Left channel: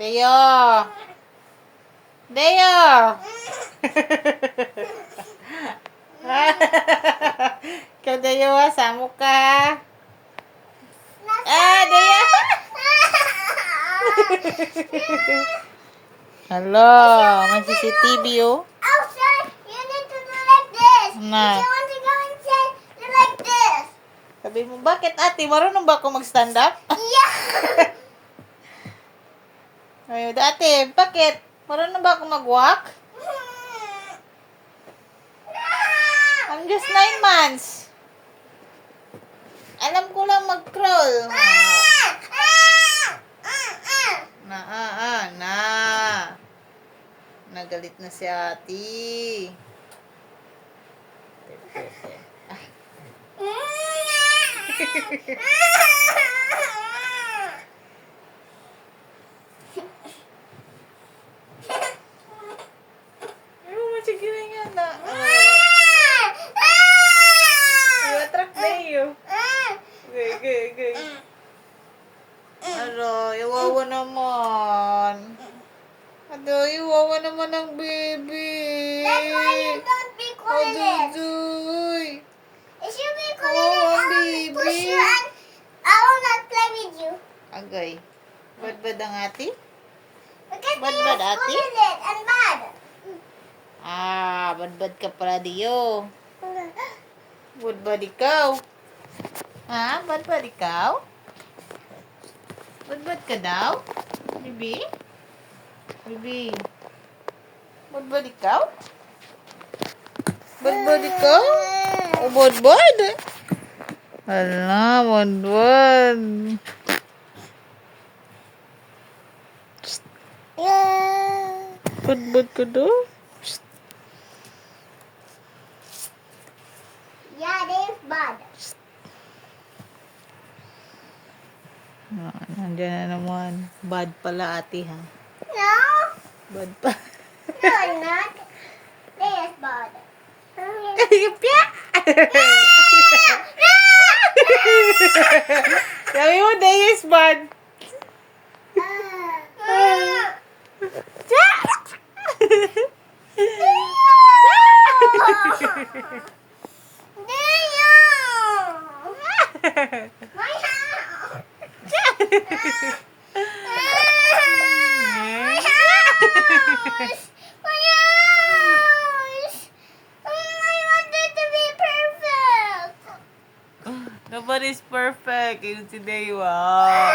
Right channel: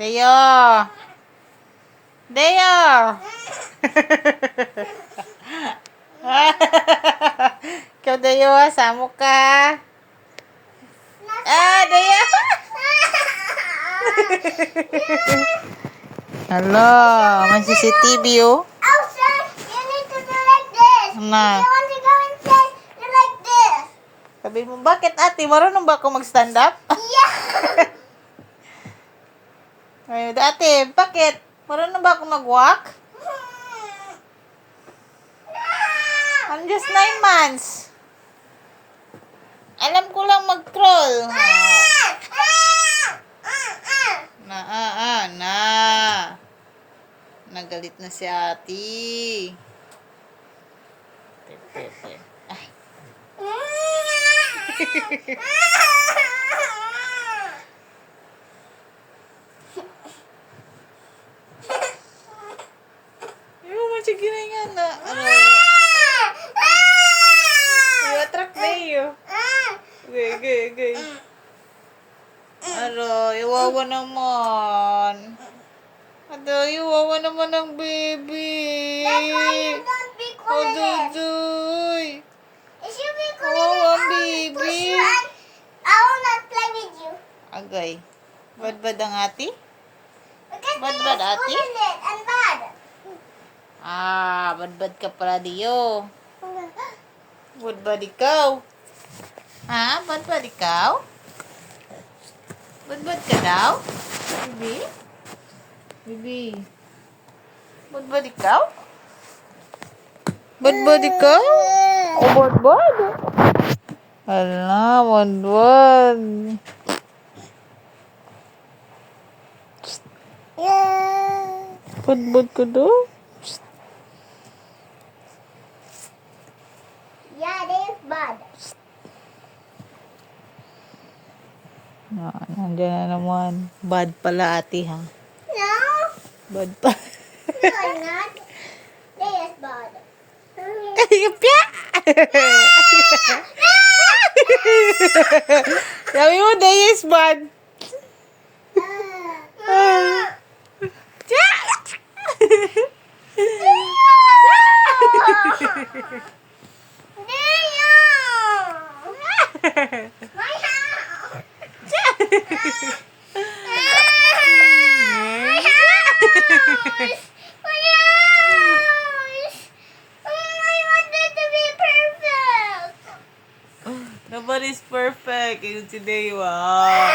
Deo! Deo! Ikaw, Deo, samo ka. Deo! Hello, may CCTV, oh. Oh, sir, you need to do like this. Na. If you want to go inside, do like this. Sabi mo, bakit ate? Marunong ba ako mag-stand up? Yeah. Ay, ate, bakit? Marunong ba ako mag-walk? I'm just 9 months. Alam ko lang mag-crawl. Na. Nagalit na si ate. Ay. Ano mo sige na nga na? Attract na iyo. Gay. Iwawa naman. Iwawa naman ang baby. That's why you don't be Oh, quiet. Dudoy. If you be Oh, quiet, I will baby. push you and I will not play with you. Agay. Bad ang ati? Because Bad, you bad, are ate? good in it and bad. Bad ka pala diyo. Bad ikaw. Bad ikaw? Bad ka daw? Baby? Baby? Bad ikaw? Bad ikaw? Bad? Hala, bad. Bad ka daw? Yeah, it is bad. Nandiyan na naman. Bad pala ate, ha? No, Bad pa. no, it's not. It is bad. Pya! Sabi mo, day is bad. Pya! My house. My house. I want it to be perfect. Nobody's perfect. Yung today, wow.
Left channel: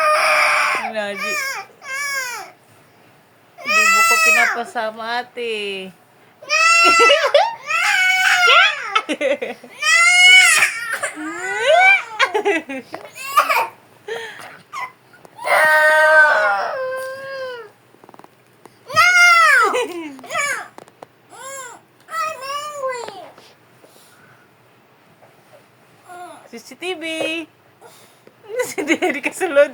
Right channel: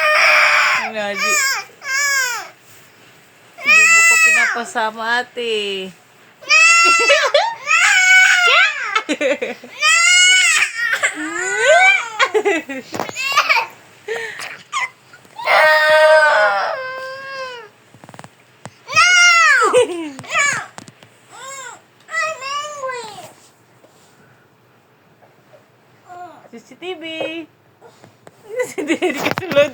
Hindi mo ko pinapasama, ate. CCTV. Si Daddy kasulod.